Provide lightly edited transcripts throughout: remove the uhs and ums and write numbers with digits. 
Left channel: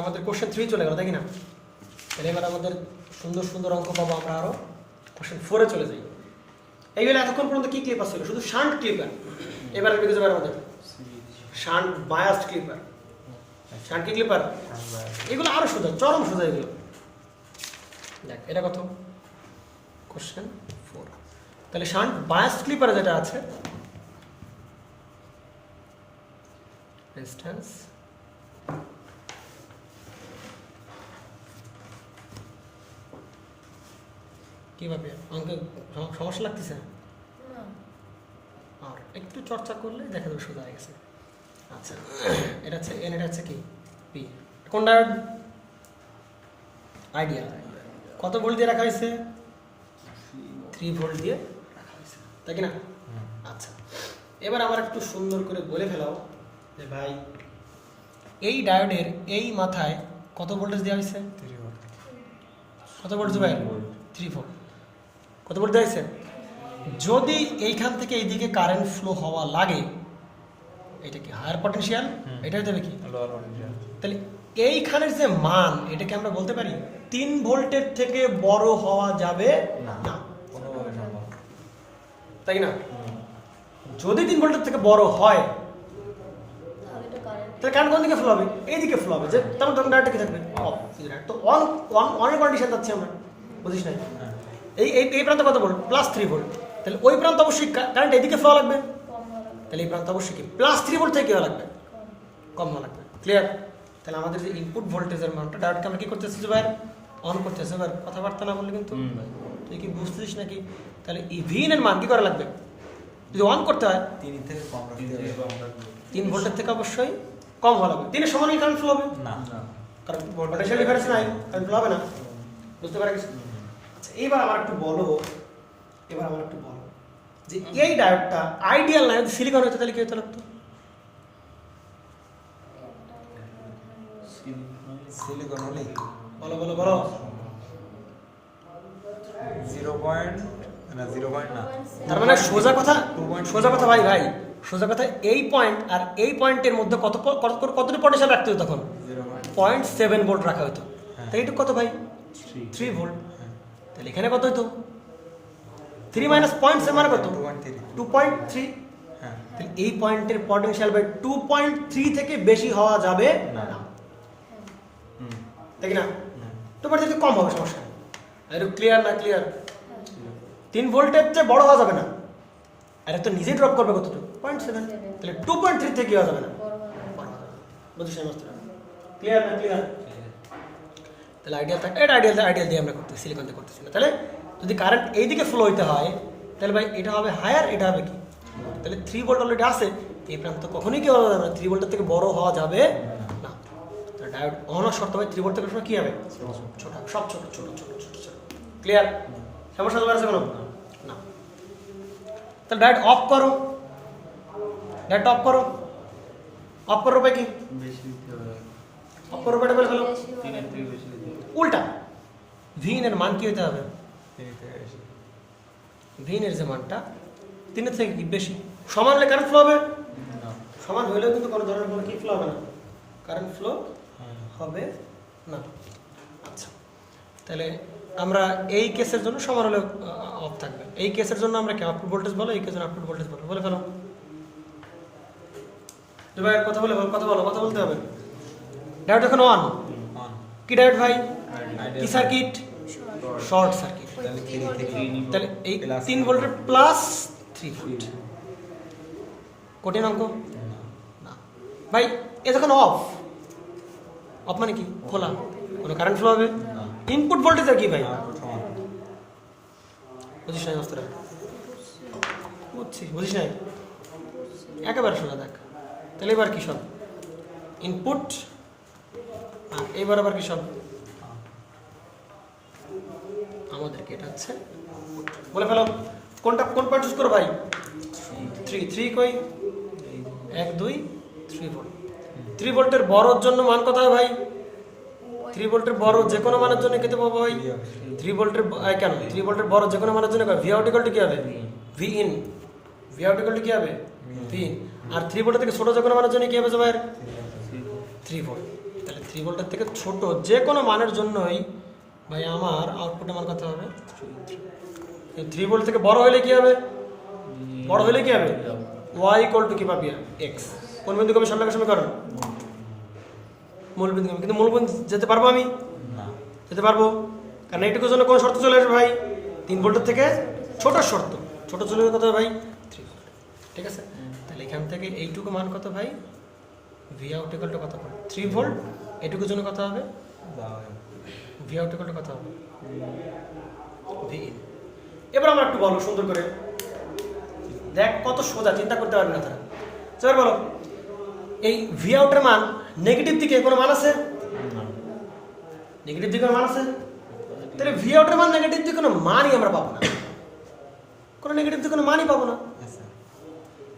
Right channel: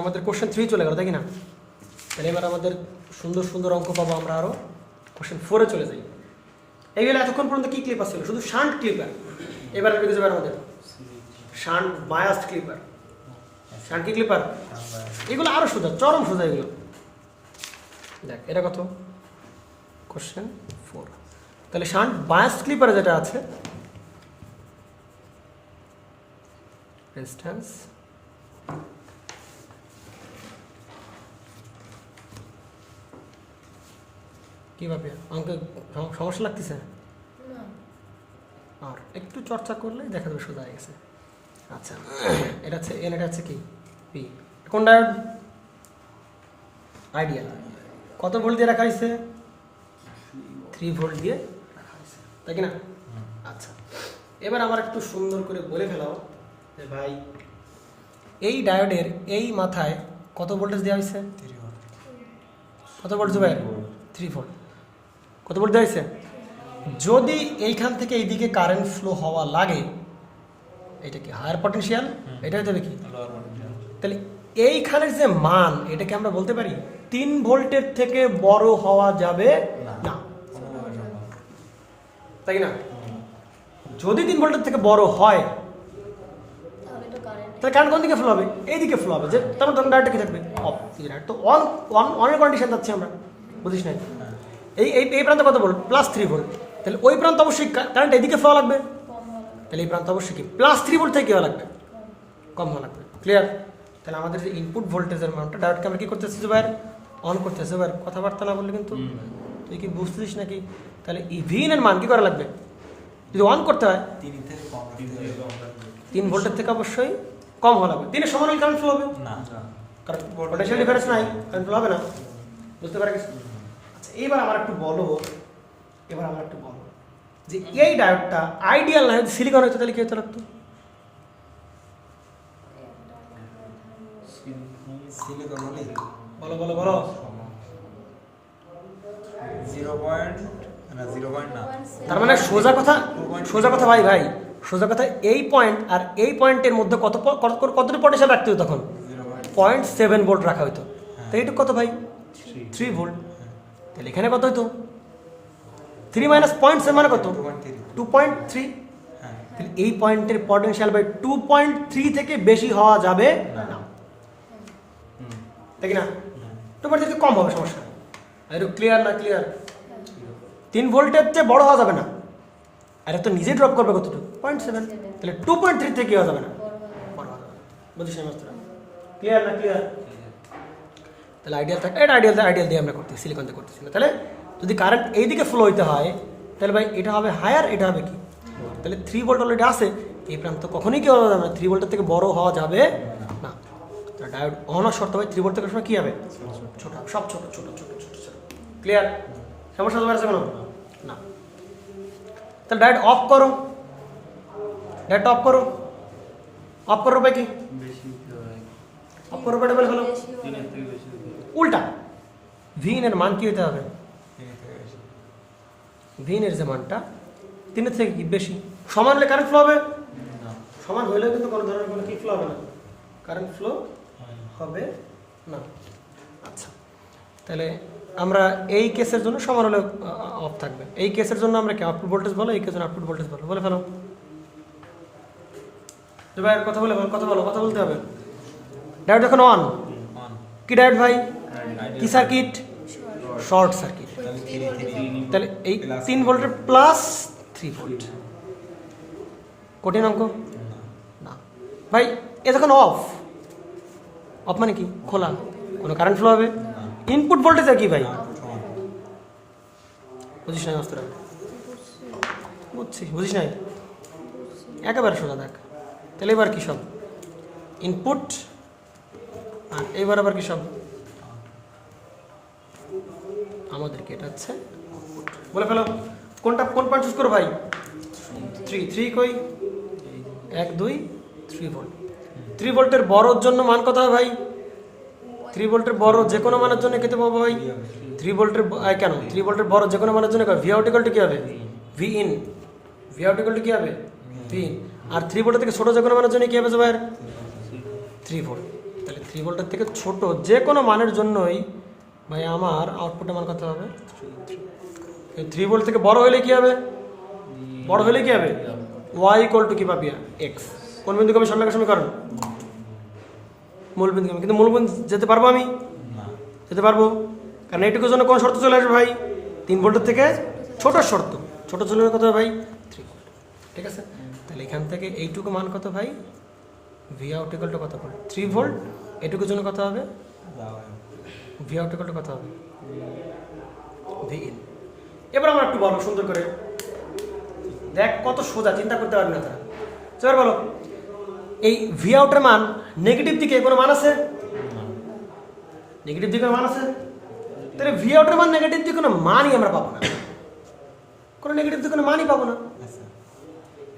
আমাদের কোশ্চেন 3 চলে গেল, তাই কি না? তাহলে এবার আমাদের সুন্দর সুন্দর অঙ্ক পাবো আমরা আরো। কোশ্চেন 4 চলে যাই। এইগুলো এতক্ষণ পর্যন্ত কি ক্লিপার ছিল? শুধু শান্ট ক্লিপার। এবার বুঝতে পারবো আমাদের শান্ট বায়াসড ক্লিপার, শান্ট কি ক্লিপার, এগুলো আরো সোজা, চরম সোজা এগুলো। দেখ এটা কত? কোশ্চেন 4। তাহলে শান্ট বায়াসড ক্লিপার যেটা আছে, রেজিস্ট্যান্স কিভাবে অঙ্ক সমস্যা লাগতেছে? আর একটু চর্চা করলে দেখা যাবে সোজা হয়ে গেছে। আচ্ছা, এটা হচ্ছে এন, এটা হচ্ছে কি পি। কোন ডায়োড? আইডিয়াল। কত ভোল্ট দিয়ে রাখা হয়েছে? 3 ভোল্ট দিয়ে রাখা হয়েছে, তাই কি না? আচ্ছা, এবার আমার একটু সুন্দর করে বলে ফেলাও যে ভাই এই ডায়োডের এই মাথায় কত ভোল্টেজ দেওয়া হয়েছে? কত ভোল্ট ভাই? 3 ভোল্ট। কত ভোল্ট দেওয়া হয়েছে? যদি এইখান থেকে এইদিকে কারেন্ট ফ্লো হওয়া লাগে, এটা কি হায়ার পটেনশিয়াল? এটাই দেবে কি? তাহলে এইখানের যে মান, এটাকে আমরা বলতে পারি 3 ভোল্টের থেকে বড় হওয়া যাবে না, তাই না? যদি 3 ভোল্টের থেকে বড় হয় তাহলে কারেন্ট কোন দিকে ফ্লো হবে? এইদিকে ফ্লো হবে। যে তখন তখন ডায়োডটা কি থাকবে? অফ। তো অনের কন্ডিশন যাচ্ছে আমরা, বুঝিস না? এই প্রান্ত কত ভোল্ট? +3 ভোল্ট। তাহলে ওই প্রান্ত অবশ্যই কারেন্ট এদিকে ফ্লো লাগবে, তাহলে এই প্রান্ত অবশ্যই কি +3 ভোল্ট থেকে কি লাগবে? কম হওয়া লাগবে। ক্লিয়ার? তাহলে আমাদের যে ইনপুট ভোল্টেজের মানটা ডায়োডকে আমরা কি করতেছি ভাই? অন করতেছি। ভাই কথাবার্তা না বললে কিন্তু তুই কি বুঝছিস নাকি? তাহলে এই ভিন এর মান কি করা লাগবে? যদি অন করতে হয় 3 ভোল্টের থেকে অবশ্যই কম হওয়া লাগবে। 3 এর সমান হলে কারেন্ট ফ্লো হবে না, কারণ পটেনশিয়াল ডিফারেন্স নাই, কারেন্ট ফ্লো হবে না। বুঝতে পারছিস? আচ্ছা, এবার আমার একটু বলো যে এই ডায়োডটা আইডিয়াল না, যদি সিলিকন হতো তাহলে কি হতে লাগতো? বলো বলো বলো। 0.0 না, তার মানে সোজা কথা ভাই, সোজা কথা, এই পয়েন্ট আর এই পয়েন্টের মধ্যে কতটি পটেনশিয়াল রাখতে হতো তখন? 0.7 ভোল্ট রাখা হতো। তাই এটা কত ভাই? 3 ভোল্ট। তাহলে এখানে কত হতো? 3 - 0.7 মানে কত? 2.3। তাহলে এই পয়েন্টের পটেনশিয়াল ভাই 2.3 থেকে বেশি হওয়া যাবে না, তাই না? 2.3 থেকে কম হবে, সমস্যা নেই। এটা ক্লিয়ার না? ক্লিয়ার? 3 ভোল্টের চেয়ে বড় হওয়া যাবে না, আর তো নিজে ড্রপ করবে কতটুকু? 0.7। তাহলে 2.3 থেকে হওয়া যাবে না, বুঝিস না? ক্লিয়ার না? ক্লিয়ার? তাহলে আইডিয়াল থাকে, এটা আইডিয়াল দিয়ে আমরা করতেছি, সিলিকন দিয়ে করতেছি না। তাহলে যদি কারেন্ট এইদিকে ফ্লো হইতে হয় তাহলে ভাই এটা হবে হায়ার, এটা হবে কি? তাহলে 3 ভোল্ট অলরেডি আছে, এই প্রান্ত কখনোই কি হওয়া যাবে না, 3 ভোল্টের থেকে বড় হওয়া যাবে না। তো ডায়োড অন হওয়ার শর্ত হবে 3 ভোল্ট থেকে কি হবে? ছোট, সব ছোট ছোট ছোট ছোট ছোট। ক্লিয়ার? সমস্যা আছে কোনো? না। তাহলে ডায়োড অফ করো, অফ করো ভাই কি? অফ করো বলে বলো, উল্টা ভিন এর মান কি হতে হবে? ভিন এর যে মানটা 3 এর থেকে কি বেশি, সমান হলে কারেন্ট ফ্লো হবে? সমান হলেও কিন্তু কোনো ধরনের কোনো কি ফ্লো হবে না, কারেন্ট ফ্লো হবে না। আচ্ছা, তাহলে আমরা এই কেসের জন্য সমান হলে অফ থাকবে। এই কেসের জন্য আমরা কি আউটপুট ভোল্টেজ বলো, এই কেসের আউটপুট ভোল্টেজ বলো, বলে ফেলো। ভাই কথা বলতে হবে। ডায়োড এখন অন, কি ডায়োড ভাই? কি সার্কিট? Short circuit. তাহলে এই 3 ভোল্টের +3 ভোল্ট, কঠিন অঙ্ক না ভাই। এ যখন অফ মানে কি? খোলা, কোনো কারেন্ট ফ্লো হবে? ইনপুট ভোল্টেজ কি ভাই? বুঝিস নাই? বুঝিস নাই? একেবারে শোনা দেখ। তাহলে এবার কি সব ইনপুট, এইবার আবার কি সব আমাদেরকে এটা হচ্ছে বলে ফেলো। কোন পয়েন্ট চুজ করো ভাই? 3 কই? 1 2 3 ভোল্ট। 3 ভোল্টের বড়র জন্য মান কত হয় ভাই? 3 ভোল্টের বড় যে কোনো মানের জন্য কেটে পাবো ভাই 3 ভোল্টের কেন 3 ভোল্টের বড় যে কোনো মানের জন্য ভি আউট ইকুয়াল টু কি হবে? V in. V out equal to কি হবে? তিন। আর 3 ভোল্টের থেকে ছোট যে কোনো মানের জন্য কি হবে ভাই? 3 ভোল্ট। তাহলে 3 ভোল্টের থেকে ছোট যে কোনো মানের জন্যই ভাই আমার আউটপুটের মান কত হবে? 3 ভোল্ট থেকে বড় হলে কি হবে? বড় হলে কি হবে? y = কি পাবি? x। কোন বিন্দুকে আমি সরলরেখার সমীকরণ? মূল বিন্দু। কিন্তু মূল বিন্দু যেতে পারবো আমি? যেতে পারবো, কারণ এইটুকুর জন্য কোন শর্ত চলে আসবে ভাই? 3 ভোল্টের থেকে ছোট শর্ত। ছোট চলে কত ভাই? 3 ভোল্ট। ঠিক আছে, তাহলে এখান থেকে এইটুকু মান কত ভাই? v out = কত? 3 ভোল্ট। এইটুকুর জন্য কত হবে? v out = কত হবে? v in। এবার আমরা একটু বলবো সুন্দর করে, দেখ কত সোজা, চিন্তা করতে পারবে না তারা। এবার বলো, এই v out এর মান নেগেটিভ দিকে কোনো মান আছে? নেগেটিভ দিকে মান আছে? তাহলে v out এর মান নেগেটিভ দিকে কোনো মানই আমরা পাবো না, কোনো নেগেটিভ দিকে কোনো মানই পাবো না।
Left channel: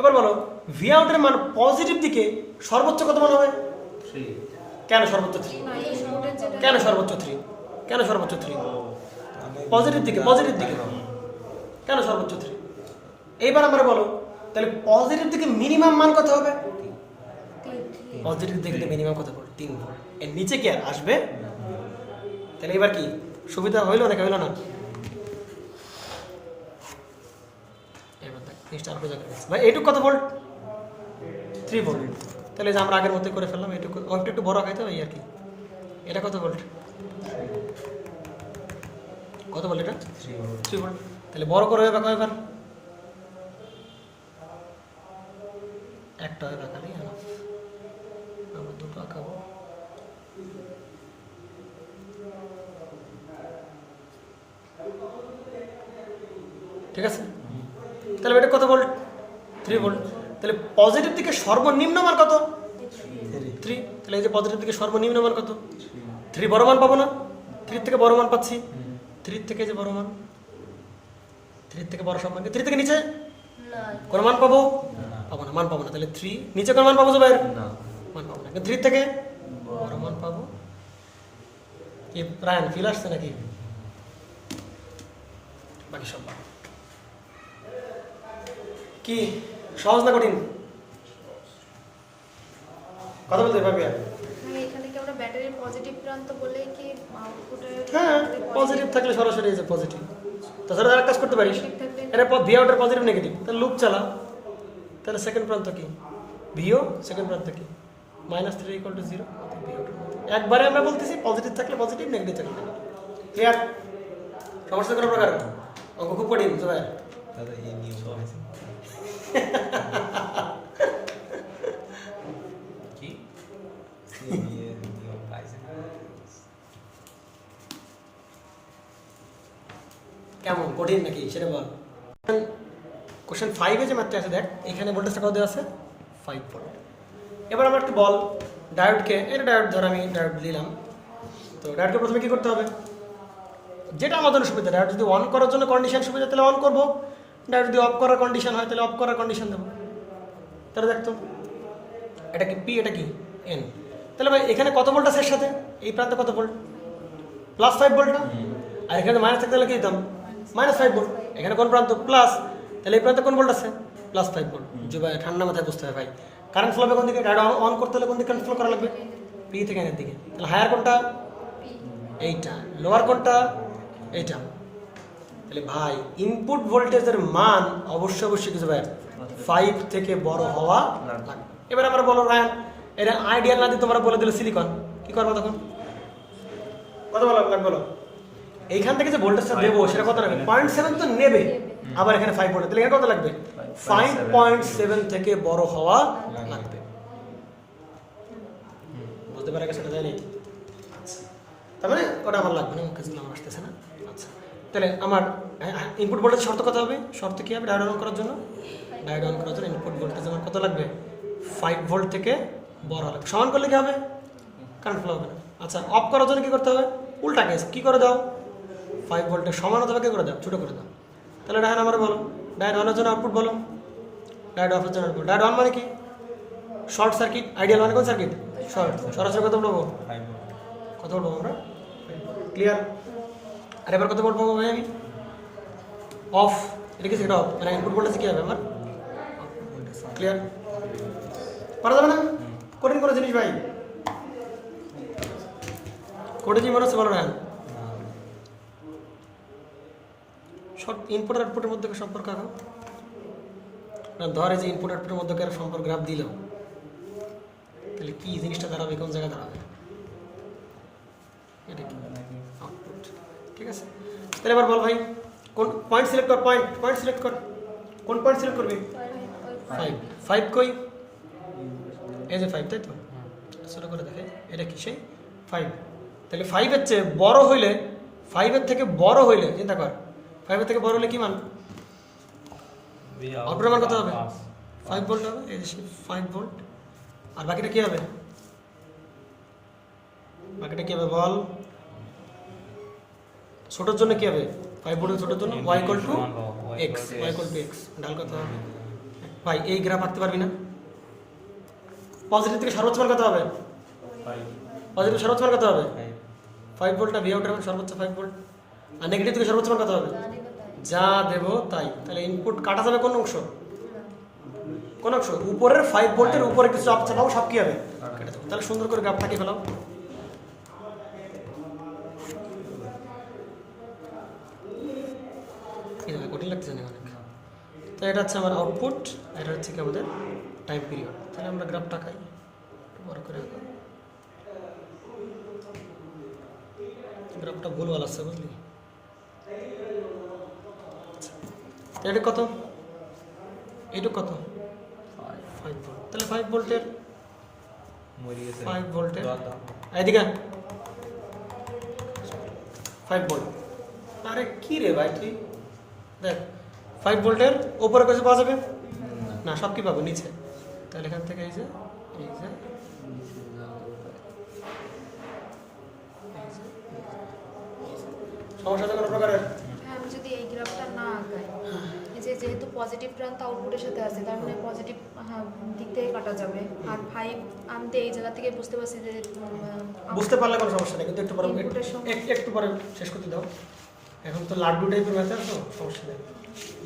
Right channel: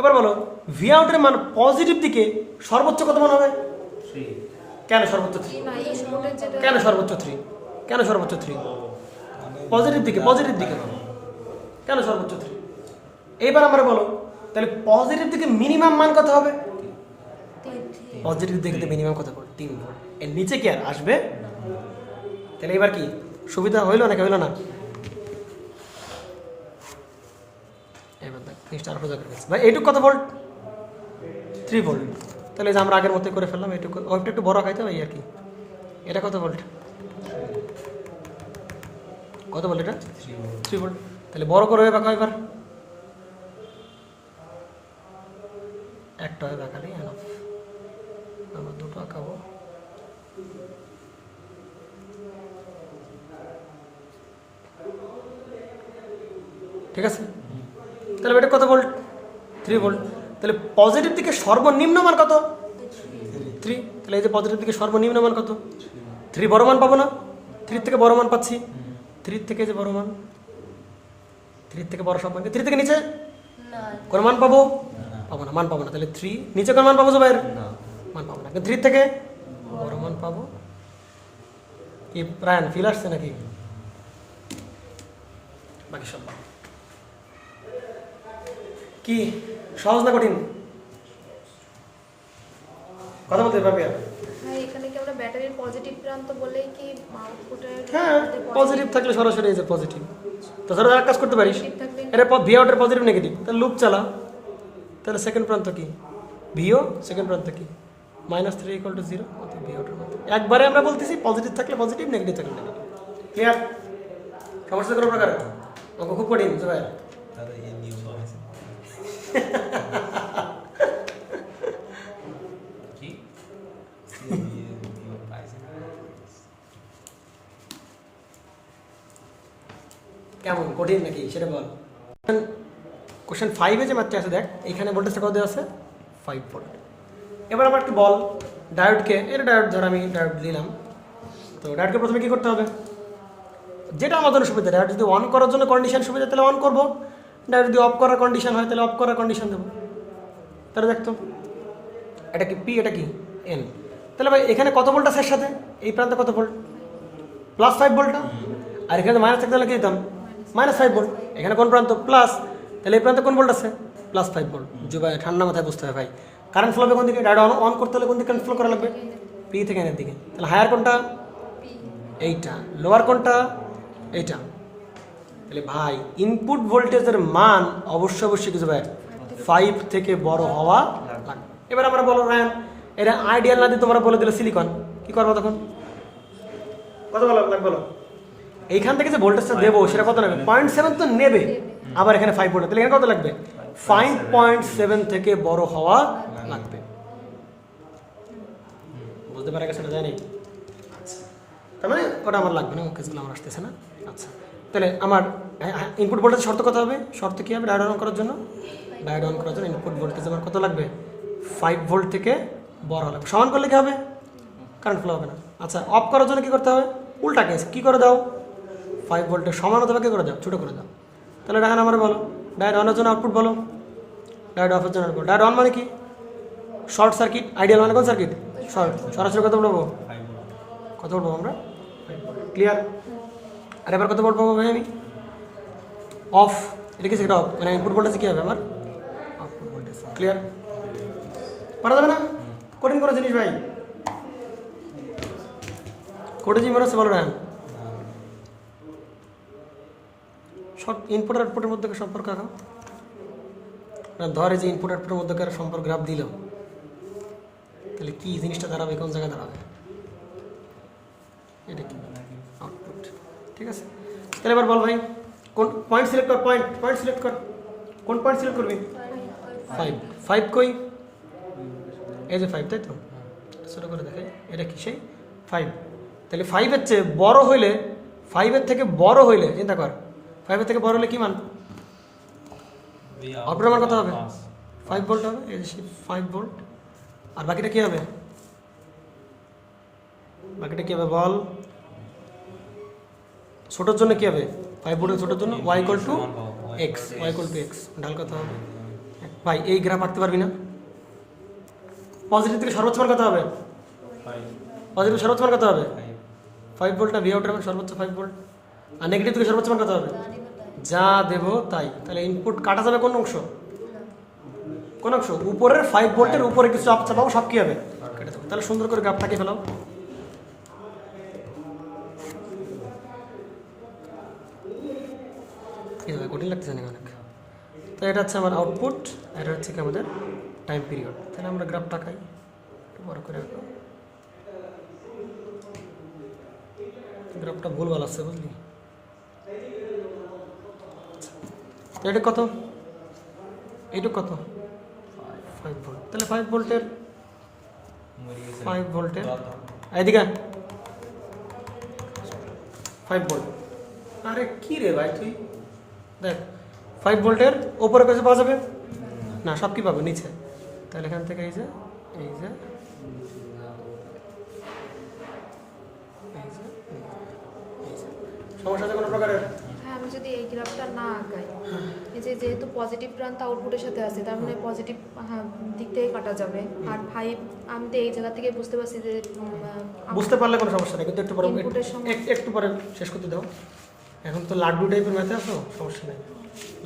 এবার বলো, v out এর মান পজিটিভ দিকে সর্বোচ্চ কত মান হবে? 3। কেন সর্বোচ্চ 3? কেন সর্বোচ্চ 3? কেন সর্বোচ্চ 3? পজিটিভ দিকে, পজিটিভ দিকে কেন সর্বোচ্চ 3? এইবার আমরা বলো, তাহলে পজিটিভ দিকে মিনিমাম মান কত হবে? পজিটিভ দিকে মিনিমাম কত হবে? 3 ভোল্ট। এর নিচে কি আর আসবে? তাহলে এবার কি সুবিধা হইলো নাকি হইলো না? এবার দেখ স্টার প্রজেক্ট ভাই, এইটুকু কত ভোল্ট? 3 ভোল্ট। তাহলে যে আমরা আগের মতোই করে ফেললাম, এইটুকু একটু বড় খাইতে হয় আর কি। এটা কত ভোল্ট? কত ভোল্ট এটা? 3 ভোল্ট। তাহলে বড় করে হবে কয়বার? একটা হয় বাঁকালি, আমরা দুটো আঁকাবো। ঠিক আছে, তাহলে এটা কত ভোল্ট? 3 ভোল্ট। তাহলে পজিটিভ দিকে সর্বনিম্ন মান কত? 3। তাহলে এই যে পজিটিভ দিকে সর্বনিম্ন মান কত? 3। বড় মান পাবো না? 3 থেকে বড় মান পাচ্ছি। 3 থেকে যে বড় মান, 3 থেকে বড় সব মান, 3 থেকে নিচে কোন মান পাবো? পাবো না, মান পাবো না। তাহলে 3 নিচে কোন মান পাবো ভাই? মান পাবো না। 3 থেকে বড় মান পাবো। কি প্রাণ ফিল আসছে নাকি? বাকি সব কি সহজ না কঠিন? কথা বলতে পারবে? এখানে কি আমরা ব্যাটারির পজিটিভ প্রান্ত বলেই কি আউটপুটের? হ্যাঁ, পজিটিভ থাকলে সরাসরি এই যে পজিটিভ। তাছাড়া আর কাজ করতে পারিস, এটা ভি আউটের পজিটিভ নেগেটিভ, তাহলে লুপ চালা। তাহলে সেকেন্ড প্রান্ত কি? ভিও। সেকেন্ড প্রান্ত কি? -3 = 0। একবারে আমরা বলতেছি পজিটিভ থাকলে পজিটিভ, নেগেটিভ থাকলে নেগেটিভ। ক্লিয়ার? সমস্যা কোনো প্রকার? অঙ্ক খুব কঠিন ভাই। দাদা এই নিয়ম আছে কি? নিয়ম পাইছে কেমন কঠিন নাকি সেটা বল। কোশ্চেন 5-এ যে মাত্রা আছে দেখ, এখানে ভোল্টেজটা কত দেওয়া আছে? 5 ভোল্ট। এবার আমার একটু বল ডায়োডকে, এটা ডায়োড ধর আমি ডায়োড দিলাম, তো ডায়োডকে প্রথমে কী করতে হবে? যেটা আমাদের সুবিধা, ডায়োড যদি অন করার জন্য কন্ডিশন সুবিধা তাহলে অন করবো, ডায়োড যদি অফ করার কন্ডিশন হয় তাহলে অফ করার কন্ডিশন দেবো। তাহলে দেখতো এটা কি পি, এটা কি এন। তাহলে ভাই এখানে কত ভোল্ট আছে এর সাথে? এই প্রান্তে কত ভোল্ট? +5 ভোল্ট। আর এখানে মাইনাস থাকতে হলে কি দিতাম? -5 ভোল্ট। এখানে কোন প্রান্ত? প্লাস। তাহলে এই প্রান্তে কোন ভোল্ট আছে? +5 ভোল্ট। যে ভাই ঠান্ডা মাথায় বুঝতে হবে ভাই, কারেন্ট ফ্লো হবে কোন দিকে? ডায়োড অন করতে হলে কোন দিকে কারেন্ট ফ্লো করা লাগবে? পি থেকে এনের দিকে। তাহলে হায়ার কোনটা? এইটা। লোয়ার কোনটা? এইটা। তাহলে ভাই ইনপুট ভোল্টেজের মান অবশ্যই কিছু ভাই 5 থেকে বড় হওয়া লাগবে। এবার আমরা বলো রায়ান, এটা আইডিয়াল না দিয়ে তোমরা বলে দিলে সিলিকন, কি করবো তখন? কত বলো বলো, এইখান থেকে যে ভোল্টেজটা দেবো সেটা কত লাগবে? 0.7 তো নেবে, আবার এখানে 5 ভোল্ট, তাহলে এখানে কত লাগবে? 5.7 থেকে বড় হওয়া লাগবে। বুঝতে পারা গেছে? সেটা জানি, তার মানে ওটা আমার লাগবে না, কাজগুলো আমার আসতেছে না। আচ্ছা, তাহলে আমার ইনপুট ভোল্টেজ শর্ত কত হবে? শর্ত কি হবে ডায়োড অন করার জন্য? ডায়োড অন করার জন্য ইনপুট ভোল্টেজ আমার কত লাগবে? 5 ভোল্ট থেকে বড় লাগবে। সমান করলে কি হবে? কারেন্ট ফ্লো হবে না। আচ্ছা, অফ করার জন্য কি করতে হবে? উল্টা কেস, কি করে দাও? 5 ভোল্টের সমান অথবা কি করে দাও? ছোটো করে দাও। তাহলে ডায়োড আমার বলো, ডায়োড অনের জন্য আউটপুট বলো, ডায়োড অফের জন্য আউটপুট। ডায়োড অন মানে কি? Short circuit. আইডিয়াল মানে কোন সার্কিট? শর্ট। সরাসরি কত বলবো? কত বলবো আমরা? ক্লিয়ার? আর এবার কত বলবো ভাই আমি? অফ। এটা কি সেটা অফ, মানে ইনপুট ভোল্টেজ কি হবে আমার? ক্লিয়ার? ক্লিয়ার? পারা যাবে না? কঠিন কোনো জিনিস ভাই, কঠিন মনে হচ্ছে বলো না? সব ইনপুট আর আউটপুটের মধ্যে সম্পর্ক এখন না, ধরে যে ইনপুট আউটপুটের মধ্যে সম্পর্ক গ্রাফ দিল, তাহলে কি জিনিসটা দাঁড়াবে, কোন জায়গায় দাঁড়াবে? এটা কি আউটপুট, ঠিক আছে? তাহলে এবার বল ভাই, কোন পয়েন্ট সিলেক্ট কর, পয়েন্ট সিলেক্ট কর, কোন পয়েন্ট সিলেক্ট করবি? 5 5 কই? এই যে 5, তাই তো? সেটা করে দেখে এটা কি সেই 5। তাহলে 5 এর চেয়ে বড় হইলে, 5 এর থেকে বড় হইলে চিন্তা কর, 5 এর থেকে বড় হলে কি মান? আউটপুট মান কত হবে? 5 ভোল্ট হবে, এই যে 5 ভোল্ট। আর বাকিটা কি হবে? বাকিটা কি হবে বল? ছোটোর জন্য কি হবে? 5 ভোল্টের ছোটোর জন্য y = x, y = x। ঢাল কত হবে? ভাই এই গ্রাফ আঁকতে পারবি না? পজিটিভ থেকে সর্বোচ্চ মান কত হবে? পজিটিভ সর্বোচ্চ মান কত হবে? 5 ভোল্ট। না ভি আউট হবে সর্বোচ্চ 5 ভোল্ট। আর নেগেটিভ থেকে সর্বোচ্চ মান কত হবে? যা দেব তাই। তাহলে ইনপুট কাটা যাবে কোন অংশ? কোন অংশ? উপরের 5 ভোল্টের উপরে কিছু চাপাও, সব কি হবে? তাহলে সুন্দর করে গ্রাফটাকে ফেলাও। কঠিন লাগতেছে না অনেক। তো এটা হচ্ছে আমার আউটপুট, এটা হচ্ছে কি আমাদের টাইম পিরিয়ড। তাহলে আমরা গ্রাফটা খাই বড় করে, গ্রাফটা ভুলভাল আছে বুঝলি? এটা কত? এইটা কত? 5 ভোল্ট। তাহলে 5 ভোল্টের 5 ভোল্টের এদিকে 5 ভোল্ট। আরে কি রে ভাই তুই দেখ, 5 ভোল্টের ওপরে কাছে পাওয়া যাবে না, সব কি পাবো নিচে। তাহলে এখান থেকে এই যে সমস্যা আছে কোনো প্রকারের? হ্যাঁ, আমি যদি এই গ্রাফটা না আঁকাই, এই যে যেহেতু পজিটিভ প্রান্ত আউটপুটের সাথে আছে, তার মানে পজিটিভ দিক থেকে কাটা যাবে। আর 5 আমি তো এই জায়গা থেকে বুঝতে পারছি যে বুঝতে পারলে কোনো সমস্যা নেই, কিন্তু একটু পরে ইনপুটের সঙ্গে একটু পরে শেষ করতে দাও। এখন তো লাড্ডু টাইপের ম্যাথ আছে, সমস্যা নেই,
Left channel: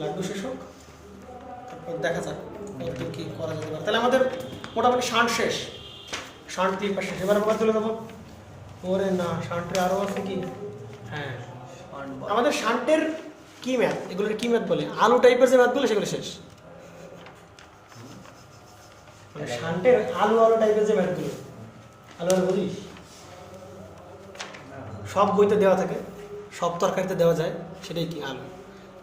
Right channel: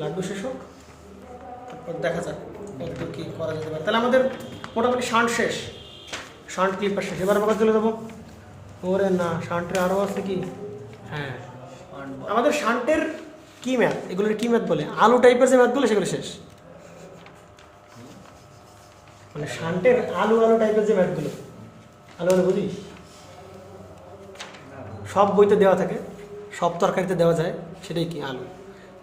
লাড্ডু শেষ হোক, তারপর দেখা যাক কি করা যেতে পারে। তাহলে আমাদের মোটামুটি শান্ট শেষ, শান্ট ক্লিপটা শেষ। এবার আমরা চলে যাবো, ওরে না শান্টের আরও আছে কি? হ্যাঁ, আমাদের শান্টের কি ম্যাথ, এগুলোর কি ম্যাথ বলে? আলু টাইপের যে ম্যাথগুলো সেগুলো শেষ। মানে শান্টের আলু টাইপের যে ম্যাথগুলো, আলু বুঝিস? সব বইতে দেওয়া থাকে, সব তরকারিতে দেওয়া যায়, সেটাই কি আলু।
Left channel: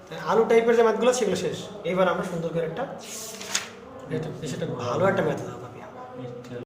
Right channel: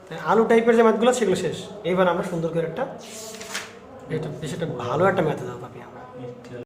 তাই আলু টাইপের যে ম্যাথগুলো সেগুলো শেষ। এইবার আমরা সুন্দর করে একটা ভালো একটা ম্যাথ দেবো।